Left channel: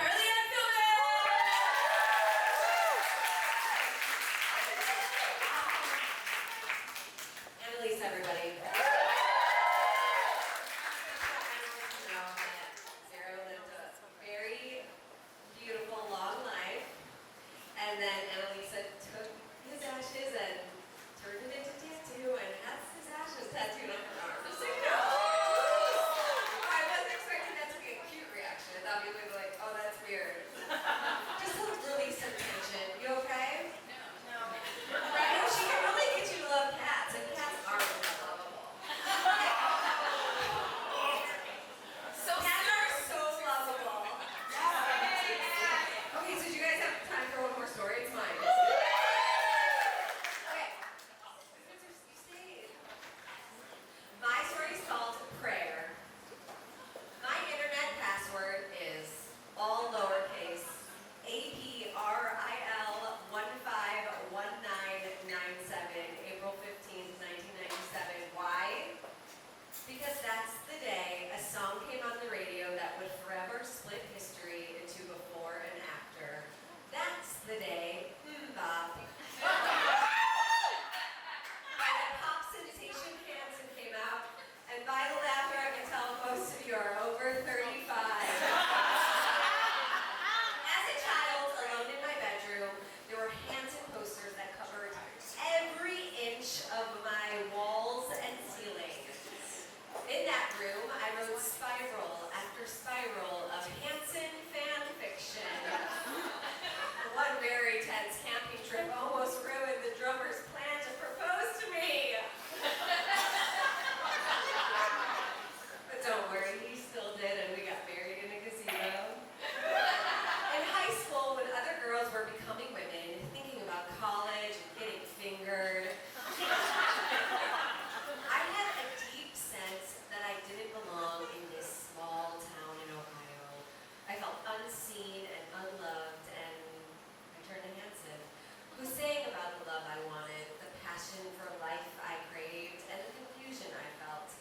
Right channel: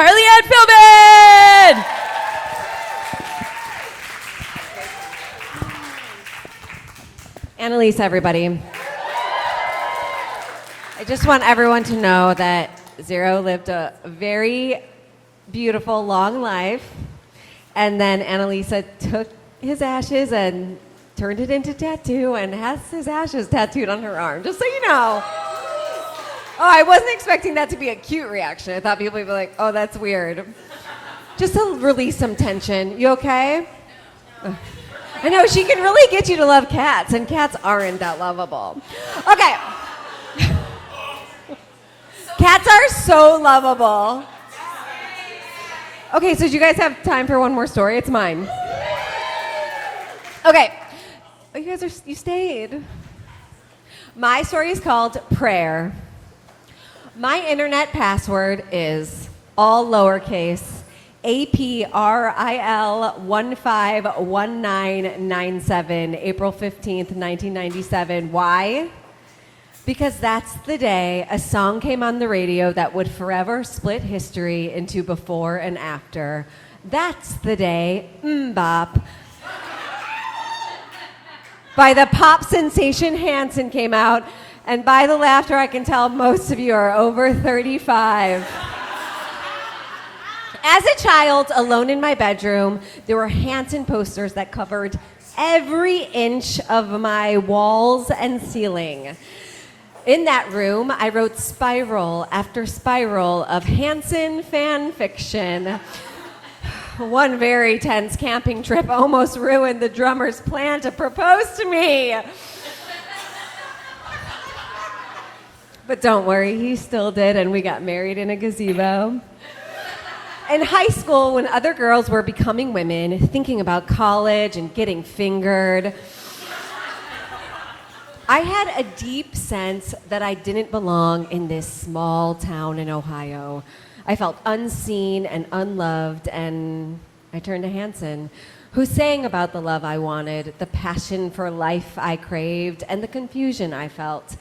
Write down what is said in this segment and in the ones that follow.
Carly Ann Filbin! Annalise, everybody. I just want everyone to know that Zero lived a very beautiful, long life, and then Annalisa took his ashes and turned it into tattoo and has his ashes tattooed on her arm, just so you know. Oh, I wasn't expecting that to be a cute reaction. I thought people would be like, oh, that's weird. Just to release some tension. You okay? No. I know, she can really get you to love cats, and cats aren't that lovable. Okay. Cats are so lovable. Okay, so do you guys have time for one more story? It's mine. Okay. Oh, you stayed. My story is called Prayer. My internet password is all lowercase APRIL151997, April 15th, 1997. Why? Because that's the day a song came on the radio that would forever split history into before and after. That's the day Mbop by the pop sensation Hanson came out, and by the laughter I can tell most of you are over 35. As a child, alone in my bedroom, there were Hanson posters that covered every inch of my walls and ceiling. In that room, I wrote spiral after spiral of Hanson fan fiction. One very tense camping trip almost ruined the drummer's plan to propose to me. But don't worry, he still did, and we got married in a gazebo. In high school, when other girls were becoming women, thinking about college and getting fingered, I had a deep sense that I didn't belong in this small town in Ohio. I felt unseen and unloved, and I turned to Hanson, who sang about the love I wanted, the passion for life I craved, and the confusion I felt.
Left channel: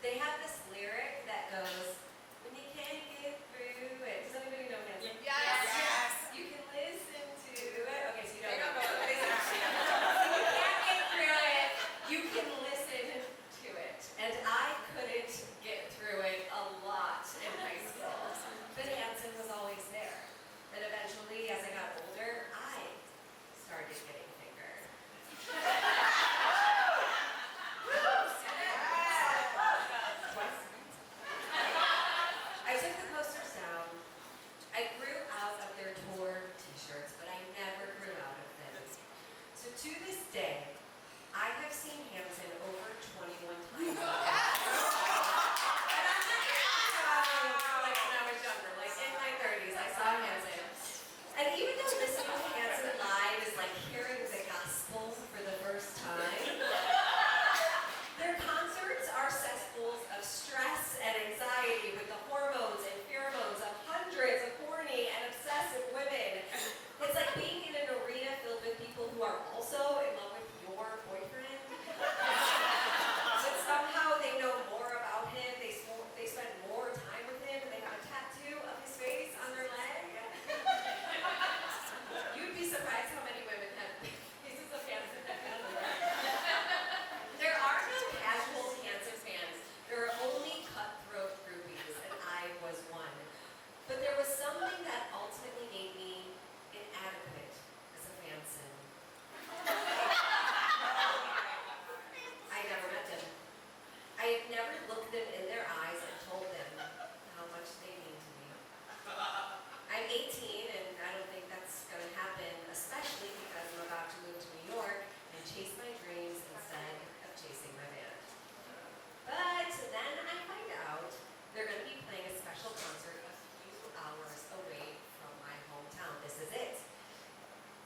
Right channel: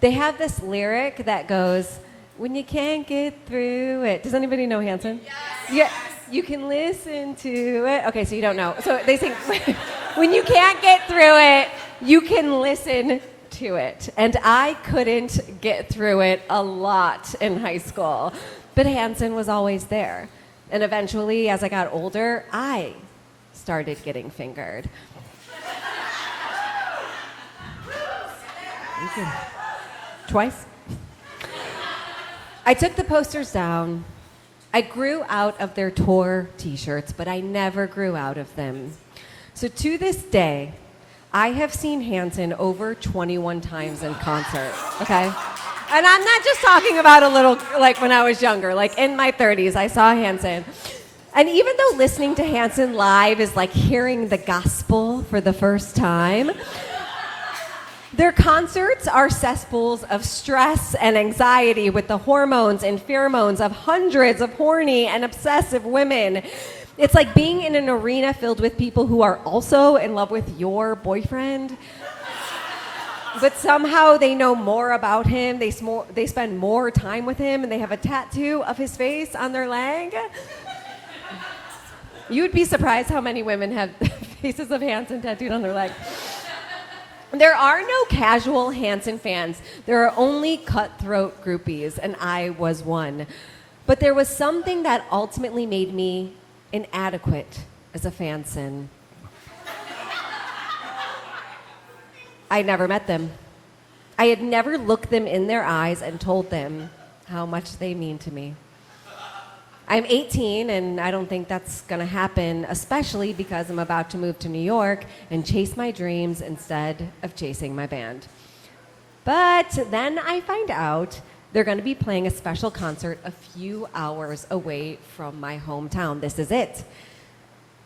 They have this lyric that goes, when you can't get through it. Does anybody know Hanson? Yes. Yeah, you can listen to it. Okay, so you don't know. So they sing, when you can't get through it, you can listen to it. And I couldn't get through it a lot in high school. But Hanson was always there. And eventually, as I got older, I started getting fingered. Twice? I took the posters down. I grew out of their tour t-shirts, but I never grew out of them. So to this day, I have seen Hanson over 21 times in concert, okay? And I'm not just talking about a little, like when I was younger, like in my 30s, I saw Hanson. And even though listening to Hanson live is like hearing the gospel for the first time, their concerts are cesspools of stress and anxiety with the hormones and pheromones of hundreds of horny and obsessive women. It's like being in an arena filled with people who are also in love with your boyfriend. But somehow they know more about him, they spend more time with him, and they have a tattoo of his face on their leg. You'd be surprised how many women have faces of Hanson tattooed on their leg. There are no casual Hanson fans. There are only cutthroat groupies, and I was one. But there was something that ultimately made me inadequate as a fanson. I never met them. I had never looked them in their eyes and told them how much they mean to me. I'm 18, and I don't think that's gonna happen, especially because I'm about to move to New York and chase my dreams instead of chasing my band. But then I find out they're gonna be playing a special concert a few hours away from my hometown. This is it.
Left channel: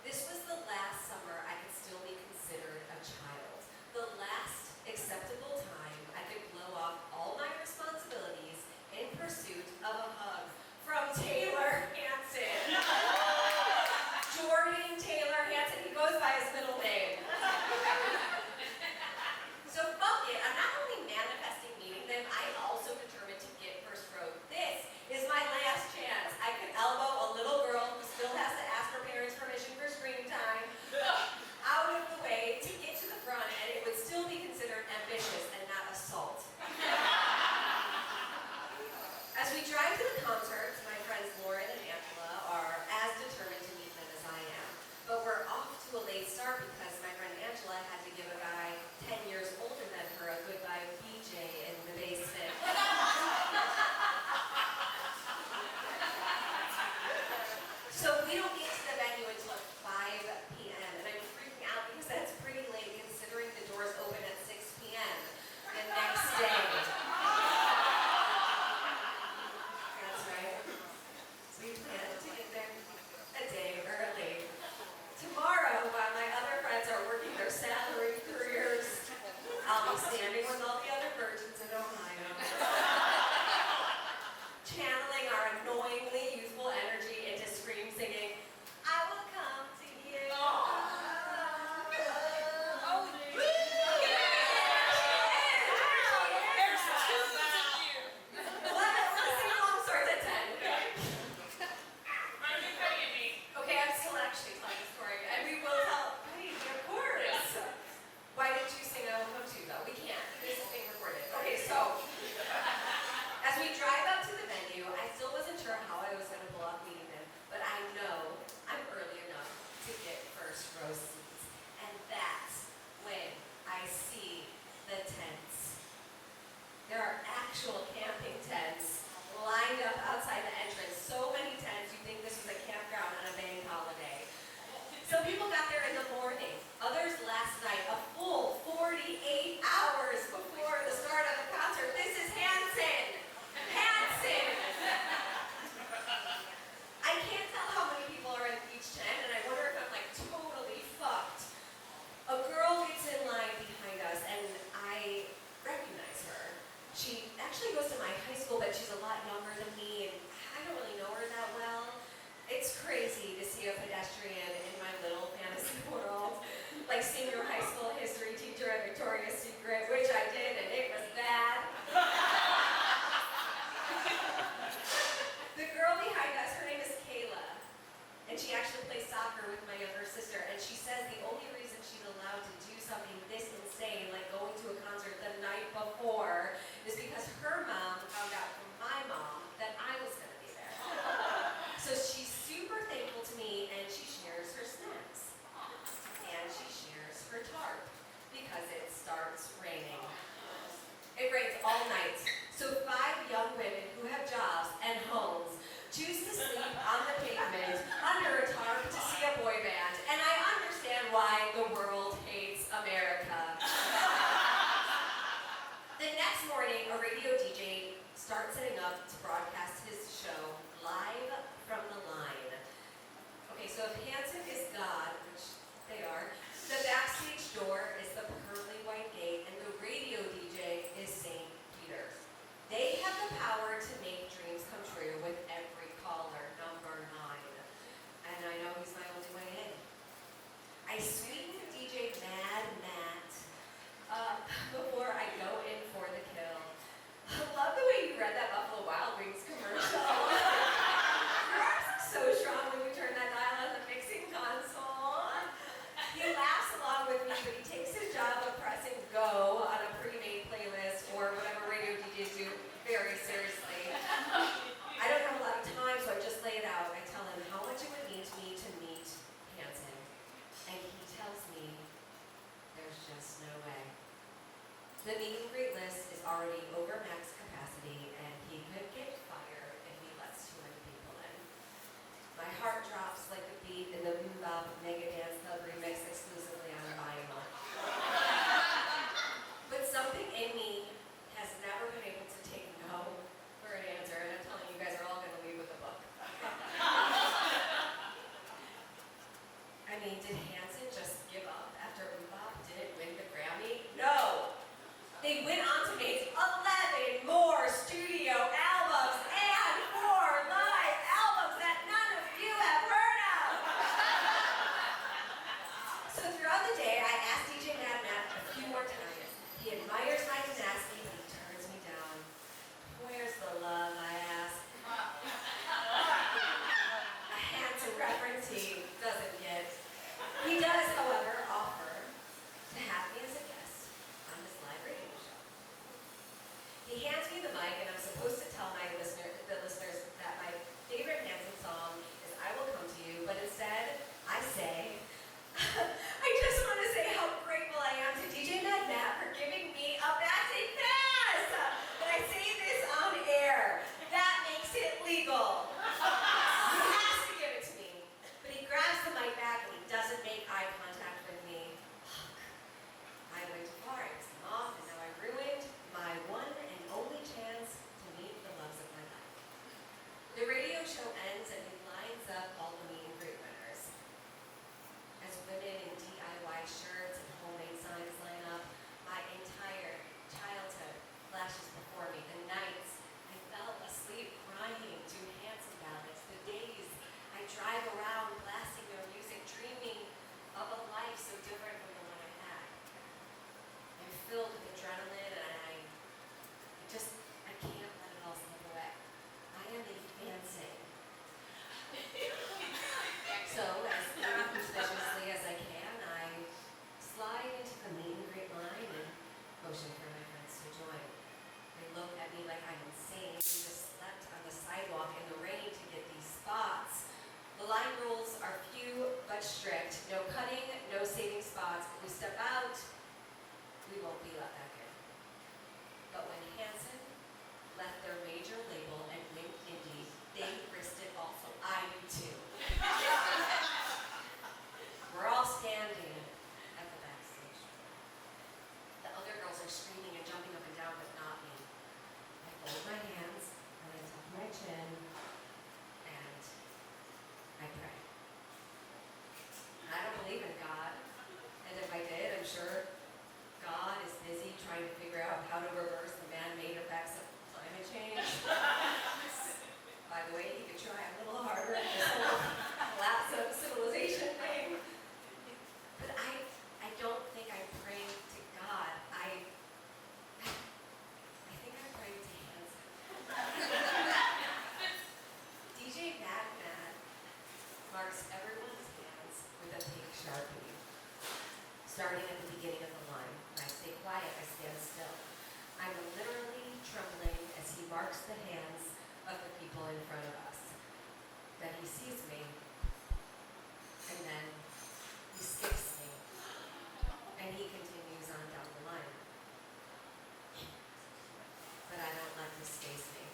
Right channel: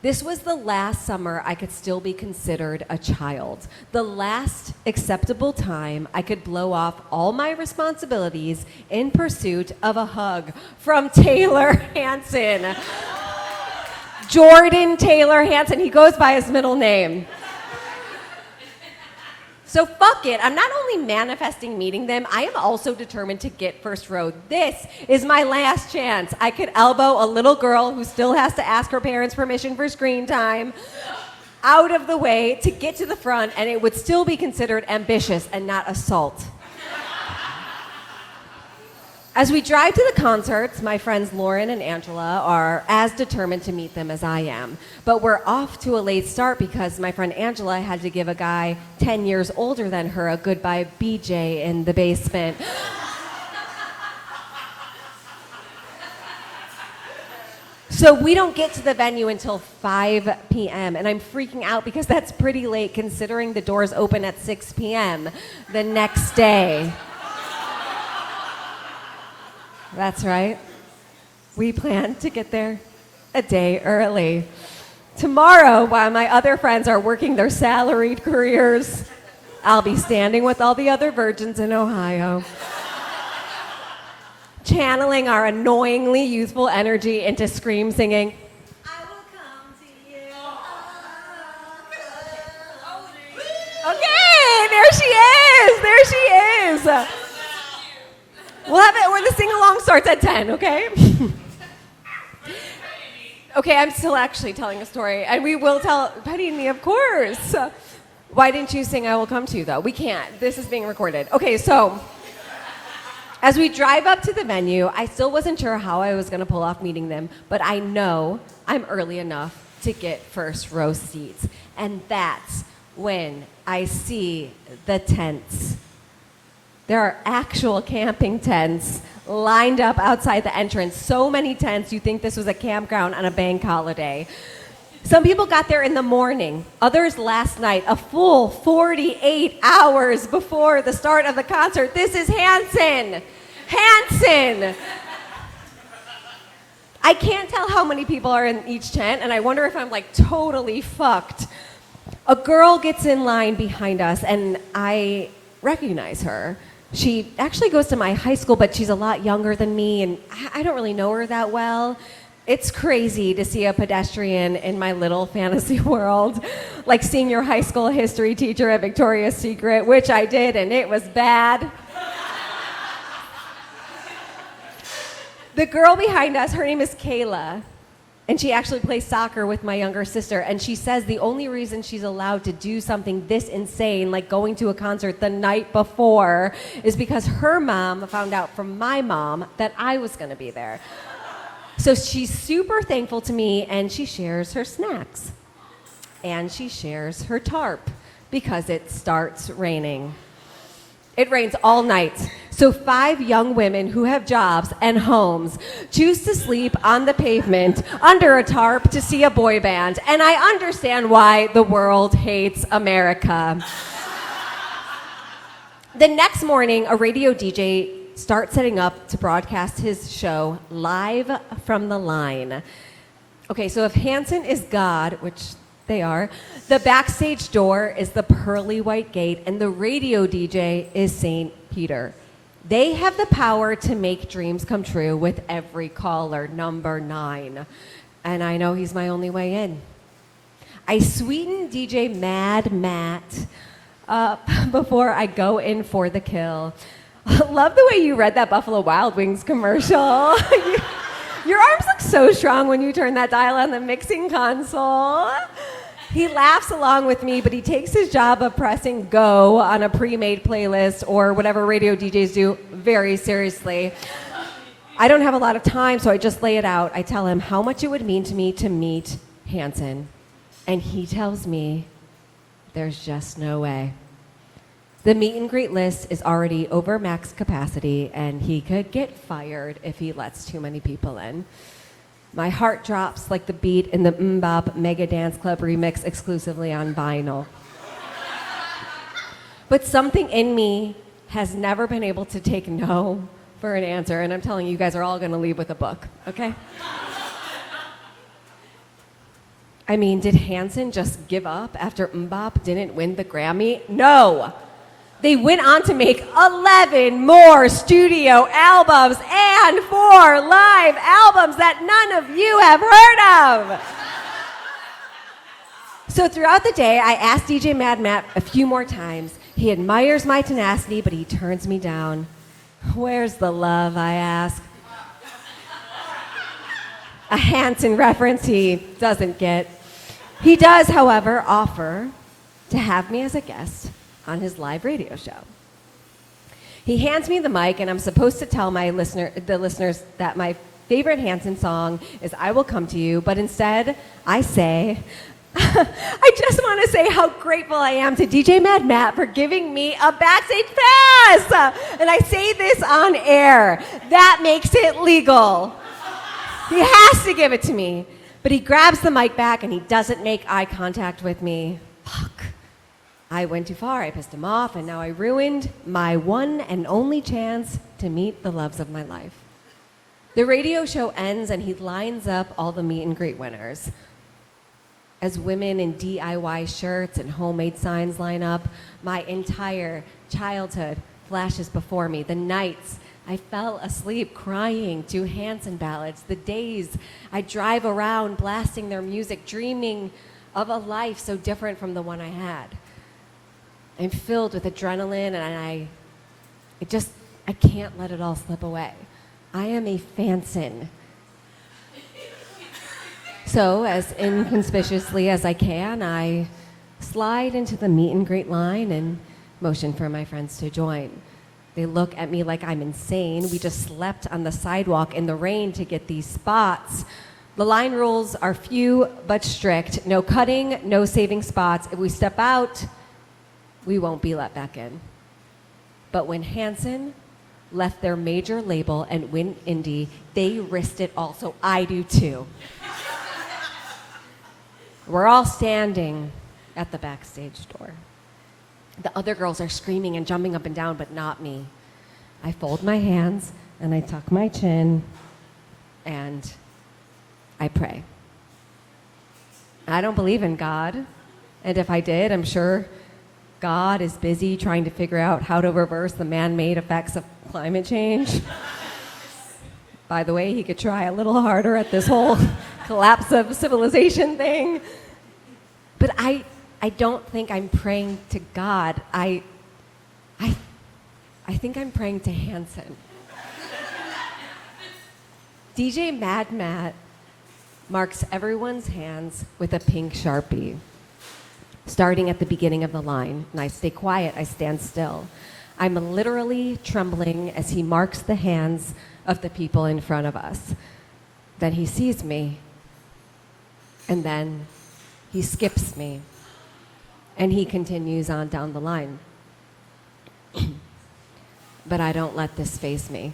This was the last summer I could still be considered a child. The last acceptable time I could blow off all my responsibilities in pursuit of a hug from Taylor Hanson. Jordan Taylor Hanson. He goes by his middle name. So fuck it. I'm not only manifesting meeting them, I am also determined to get first row. This is my last chance. I could elbow a little girl who still has to ask her parents permission for screen time out of the way to get to the front, and it would still be considered ambitious and not assault. As we drive to the concerts, my friends Lauren and Angela are as determined to meet them as I am. But we're off to a late start because my friend Angela had to give a guy 10 years older than her a goodbye BJ in the basement. So we don't get to the venue until 5 p.m. and I'm freaking out because that's pretty late considering the doors open at 6 p.m. the next day. That's right. We plan to get there a day early. Tomorrow, while my other friends are working their salaried careers, I'll be standing with all the other virgins in Ohio, channeling our annoyingly youthful energy into scream singing, I will come to you. Okay, there she is. There she is. We'll have it where the sing-along starts at 10, okay? Okay, I'm still actually telling a story, and we will tell Petty and me, of course. Why didn't you sing I Will Come to You, though? We can't. This is being recorded. Okay, so as we drive up to the venue, I still wasn't sure how I was going to pull off meeting them, but I know I'm early enough to get first row seats. And that's when I see the tents. There are actual camping tents lined up outside the entrance. So many tents, you think this was a campground on a bank holiday. Some people got there in the morning. Others last night, a full 48 hours before the start of the concert. This is Hanson. Hanson. I can't tell how many people are in each tent, and I wonder if I'm like totally fucked. A girl gets in line behind us, and I recognize her. She actually goes to my high school, but she's a lot younger than me, and I don't really know her that well. It's crazy to see a pedestrian in my little fantasy world, like seeing your high school history teacher at Victoria's Secret, which I did, and it was bad. The girl behind us, her name is Kayla, and she actually plays soccer with my younger sister, and she says the only reason she's allowed to do something this insane, like going to a concert the night before, is because her mom found out from my mom that I was going to be there. So she's super thankful to me, and she shares her snacks. And she shares her tarp, because it starts raining. It rains all night. So 5 young women who have jobs and homes choose to sleep on the pavement under a tarp to see a boy band. And I understand why the world hates America. The next morning, a radio DJ starts setting up to broadcast his show live from the line. Okay, so if Hanson is God, which they are, the backstage door is the pearly white gate, and the radio DJ is St. Peter. They have the power to make dreams come true with every caller, number 9. And I know he's my only way in. I sweeten DJ Mad Matt before I go in for the kill. Love the way you read that Buffalo Wild Wings commercial. Your arms look so strong when you turn that dial on the mixing console. He laughs along with me, but he takes his job of pressing go on a pre-made playlist or whatever radio DJs do very seriously. I don't have a lot of time, so I just lay it out. I tell him how much it would mean to me to meet Hanson. And he tells me there's just no way. The meet and greet list is already over max capacity, and he could get fired if he lets too many people in. My heart drops like the beat in the MMMBop Mega Dance Club remix exclusively on vinyl. But something in me has never been able to take no for an answer, and I'm telling you, you guys are all gonna leave with a book, okay? I mean, did Hanson just give up after MMMBop didn't win the Grammy? No! They went on to make 11 more studio albums and 4 live albums that none of you have heard of. So throughout the day, I asked DJ Mad Matt a few more times, He admires my tenacity, but he turns me down. Where's the love, I ask? A Hanson reference he doesn't get. He does, however, offer to have me as a guest on his live radio show. He hands me the mic, and I'm supposed to tell the listeners that my favorite Hanson song is I Will Come to You, but instead I say, I just want to say how grateful I am to DJ Mad Matt for giving me a backstage pass. And I say this on air. That makes it legal. He has to give it to me. But he grabs the mic back and he doesn't make eye contact with me. Fuck. I went too far. I pissed him off, and now I ruined my one and only chance to meet the loves of my life. The radio show ends and he lines up all the meet and greet winners. As women in DIY shirts and homemade signs line up, my entire childhood flashes before me. The nights I fell asleep crying to Hanson ballads, the days I drive around blasting their music, dreaming of a life so different from the one I had. I'm filled with adrenaline, and I can't let it all slip away. I am a Fanson. So, as inconspicuously as I can, I slide into the meet and greet line and motion for my friends to join. They look at me like I'm insane. We just slept on the sidewalk in the rain to get these spots. The line rules are few but strict. No cutting, no saving spots. If we step out, we won't be let back in. But when Hanson left their major label and went indie, they risked it all, so I do too. We're all standing at the backstage door. The other girls are screaming and jumping up and down, but not me. I fold my hands and I tuck my chin and I pray. I don't believe in God, and if I did, I'm sure God is busy trying to figure out how to reverse the man-made effects of climate change. By the way, he could try a little harder at this whole collapse of civilization thing. But I don't think I'm praying to God. I think I'm praying to Hanson. DJ Mad Matt marks everyone's hands with a pink Sharpie, starting at the beginning of the line. And I stay quiet, I stand still. I'm literally trembling as he marks the hands of the people in front of us. Then he sees me, and then he skips me, and he continues on down the line. But I don't let this faze me.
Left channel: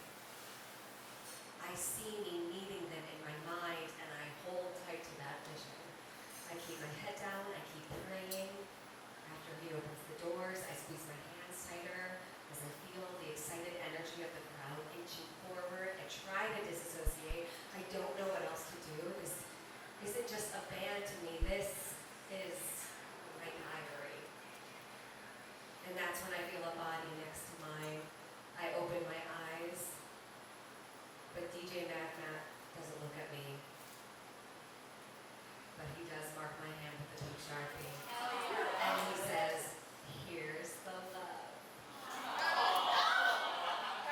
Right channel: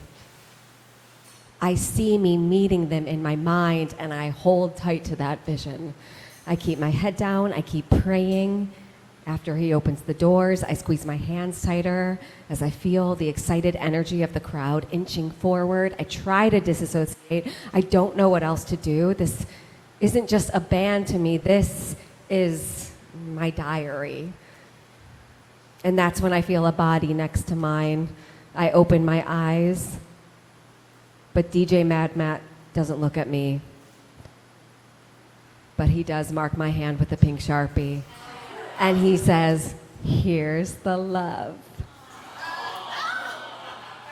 I see me meeting them in my mind, and I hold tight to that vision. I keep my head down, I keep praying. After he opens the doors, I squeeze my hands tighter as I feel the excited energy of the crowd inching forward. I try to disassociate. I don't know what else to do. This isn't just a band to me. This is my diary. And that's when I feel a body next to mine. I open my eyes, but DJ Mad Matt doesn't look at me. But he does mark my hand with a pink Sharpie. And he says, "Here's the love."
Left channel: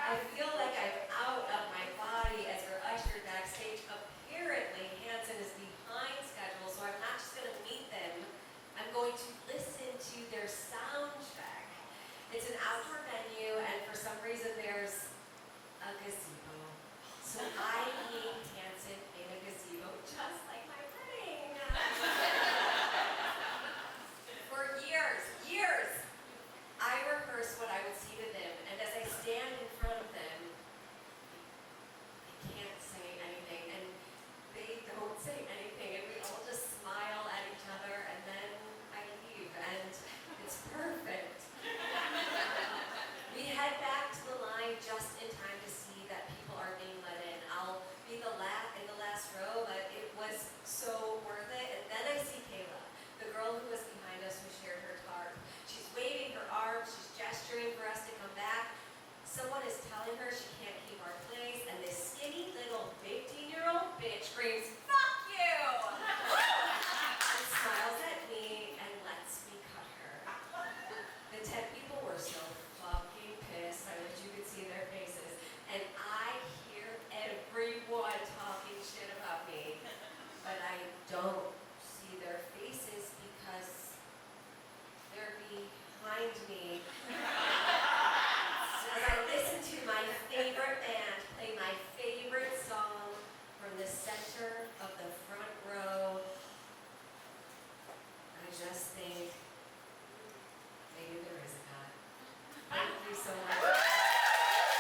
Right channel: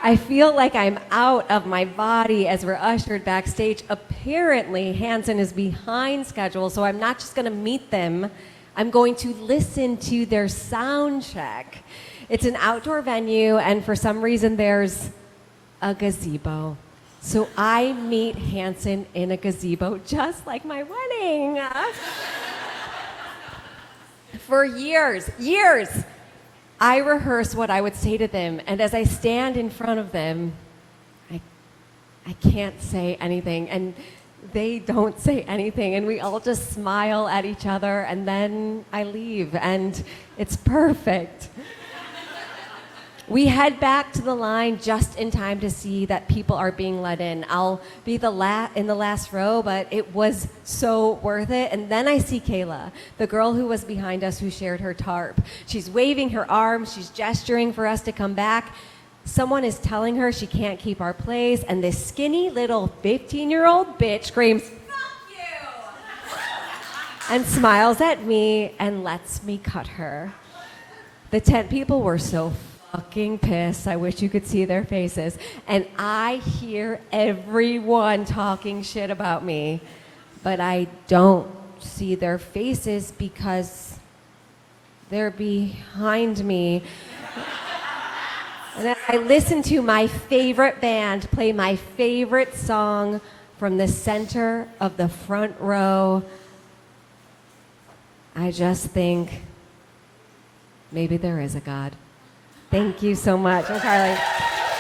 I feel like I'm out of my body as we're ushered backstage. Apparently, Hanson is behind schedule, so I'm not just going to meet them. I'm going to listen to their sound check. It's an outdoor venue, and for some reason, there's a gazebo. So I meet Hanson in a gazebo, just like my wedding. For years, I rehearse what I would say to them, and as I stand in front of them, I can't say anything, and they don't say anything, and we all just smile at each other, and then I leave, and it's perfect. We head back to the line just in time to see that people are being let in. I'll be in the last row, but it was so worth it. And then I see Kayla, the girl who was behind us who shared her tarp. She's waving her arms, she's gesturing for us to come back. Someone is telling her she can't keep our place, and this skinny little 15-year-old bitch screams, "Fuck you!" and smiles at me and lets me cut her. The tent people were so fucking pissed. I wish you could see their faces. And I hear everyone talking shit about me, but I don't see their faces because they're behind me. And then I listen to my favorite band play my favorite song from the center of the front row. I just think maybe there is a God. Thank you so much. I'm Carly.